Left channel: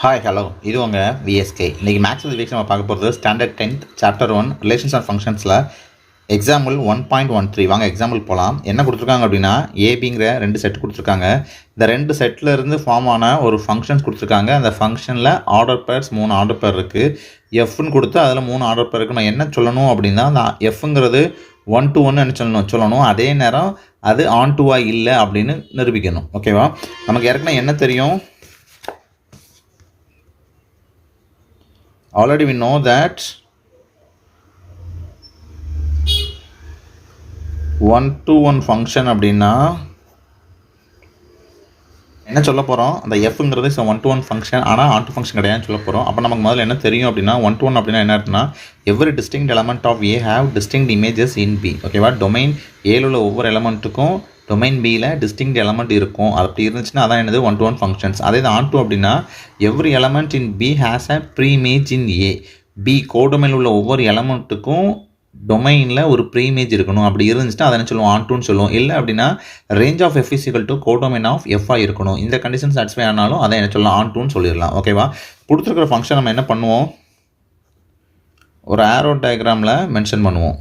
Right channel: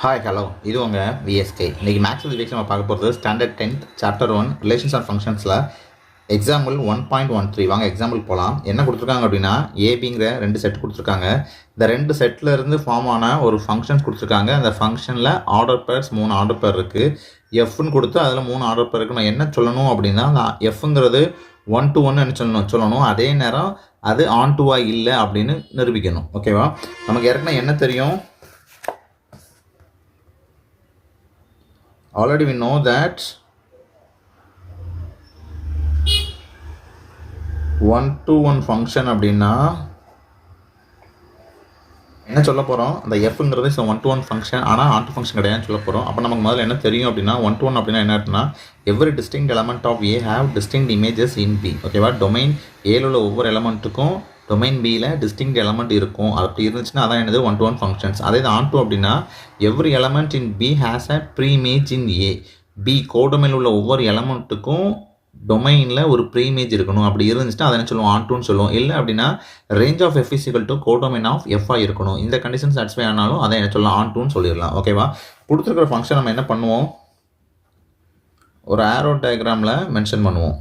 Hi hello இது உங்கள் VSK. இன்றைக்கி மேக்ஸ் வித் வீக்ஸ் நம்ம பார்க்க போகிறது standard 10th chapter 1 relations of ஃபங்க்ஷன்ஸில் எக்ஸாம்பிள் 1.13. வாங்க எக்ஸாம்பிள் போகலாம். என்ன கொடுத்துருக்காங்க அப்படின்னா ஏபிங்கிற 2 செட் கொடுத்துருக்காங்க. இந்த 2 செட்டில் இருந்து ஃபார்ம் ஆன ஒரு ஃபங்க்ஷன்ஸ் கொடுத்துருக்காங்க. அந்த ஃபங்க்ஷனில் ஆர்டர் பேர்ஸ் 3 ஆர்டர் பேர் இருக்குது. எஃப்னு கொடுத்து அதில் 3 ஆர்டர் பேர் இருக்குது. நான் என்ன சொல்லணும் அப்படின்னா அந்த எஃப்ங்கிறது 1 to 1 சொல்லணும். அதே நேரம் அது ஆன் டுவாக இல்லை அப்படின்னு நிரூபிக்கணும். ஓகேவா? நமக்கு ஏற்கனவே என்ன தெரியும்? Already we know that 1-to-1 function அப்படின்னா என்ன சொல்ல போகிறோம்? அந்த எஃப்ங்கிறது 1-to-1 ஃபங்க்ஷன், ஆனால் ஆன் டு ஃபங்க்ஷன் கிடையாதுன்னு சொல்ல போகிறோம். அப்போ நமக்கு முதல்ல என்ன தெரியும் அப்படின்னா 1-to-1 அப்படின்னா என்ன அர்த்தம்னா every distinct element of A have distinct images in B. ஓகேவா? டொமைன் ஏல உள்ள ஒவ்வொரு எலமெண்ட்டுக்கும் டொமைன் பியில் டிஸ்டிங்க்ட் எலமெண்ட் இருக்கும். அப்படி இருந்துச்சுன்னா அதான் என்னது 1-to-1 ஃபங்க்ஷன்ஸ். அதே இது ஆன் டூ அப்படின்னா every element in B has a pre image in A. B கோடொமைனில் உள்ள ஒவ்வொரு எலமெண்ட்டுக்கும் டொமைனில் ஒரு ப்ரீ இமேஜ் இருக்கணும். அப்படி இருந்துச்சுன்னா அதை என்ன சொல்லுவோம்? ஆன் டூன்னு சொல்லுவோம். இல்லை அப்படின்னா range of f is equal to codomain of எஃப்ஆ இருக்கணும். இந்த கண்டிஷன் சாட்டிஸ்ஃபை ஆனாலும் அதை என்ன சொல்லலாம்? ஆன் டூன்னு சொல்லிடலாம். ஓகேவா? கொடுத்துருக்கிற ஃபங்க்ஷன் நம்ம என்ன பண்ணுவோம்? ஒரு ஆரோ டயக்ராமில் மென்ஷன் பண்ணுவோம்.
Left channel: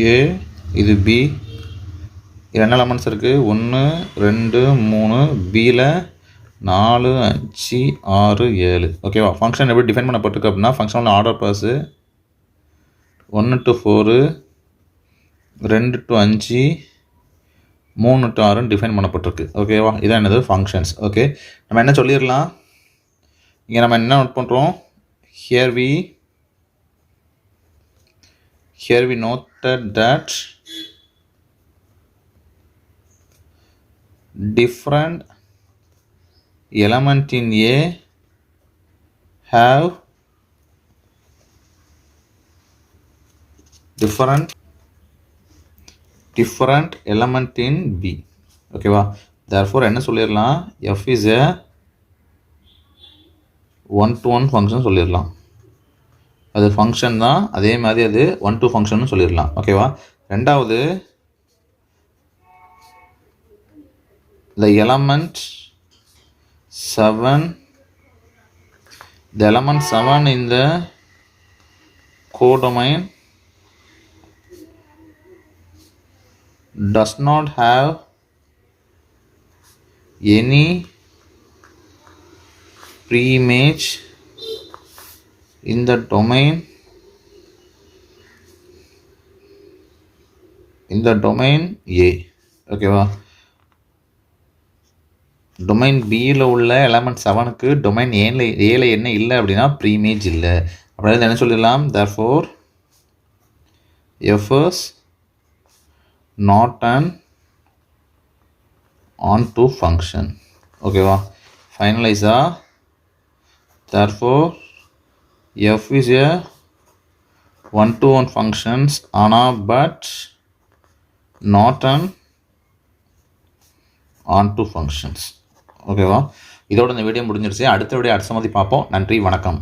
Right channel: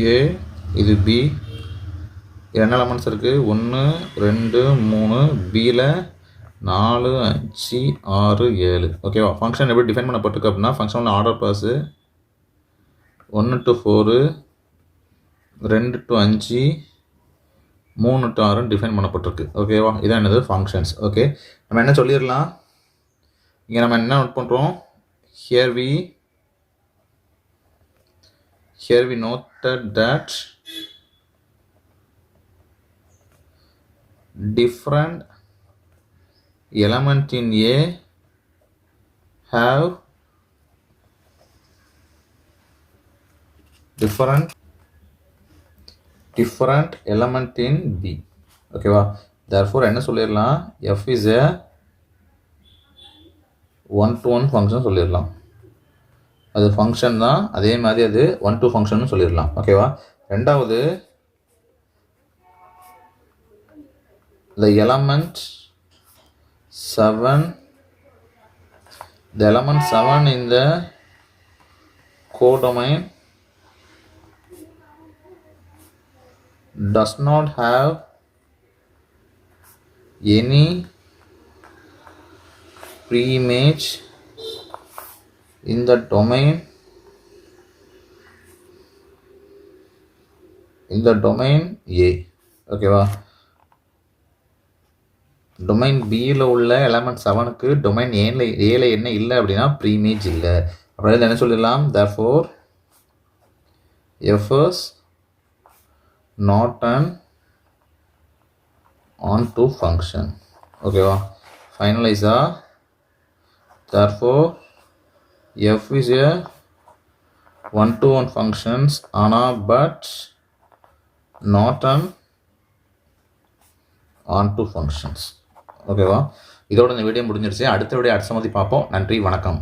ஏ இது பி, என்ன எலமெண்ட்ஸ் இருக்குது? 1 2 3. பியில் 4 5 6 7. ஓகேவா? ஃபங்க்ஷன் எப்படி டிஃபைன் பண்ணப்பட்டிருக்கு அப்படின்னா ஃபங்க்ஷனோட order pairs 1 to 4, 2 to 5, 3 to 6 define பண்ணப்பட்டிருக்கு. ஓகேவா? இதான் என்னது? ஃபங்க்ஷன்ஸ். ஓகே, நம்ம என்ன சொல்லிடலாம்? இங்கே நம்ம என்ன நோட் பண்ணுறோம்? Here we noted that different element in A have different element in B. ஓகேவா? therefore என்ன சொல்லிடலாம்? F is a 1-to-1 function சொல்லிடலாம். அது ஃபங்க்ஷன் தான், அதே மாதிரி அது 1-to ஃபங்க்ஷன் சொல்லிடலாம். ஓகேவா? ரெண்டாவது, the element 7 in the codomain does not have any pre-image in the domain A. ஓகேவா? டொமைன் பியில் உள்ள எலமெண்ட் 7க்கு டொமைன் ஏல என்ன இல்லை அப்படின்னா ப்ரீமேஜ் இல்லை. அப்படின்னா என்ன சொல்லிடலாம்? therefore F is not an on-to function. ஓகேவா? ஃபைனலைஸா therefore F is a 1-to-1 functions ஆனால் but not an on-to functions. ஓகேவா? இதோட இந்த வீடியோ முடிஞ்சிருச்சு. அடுத்த வீடியோ அடுத்த மாதிரி பார்ப்போம். நன்றி, வணக்கம்.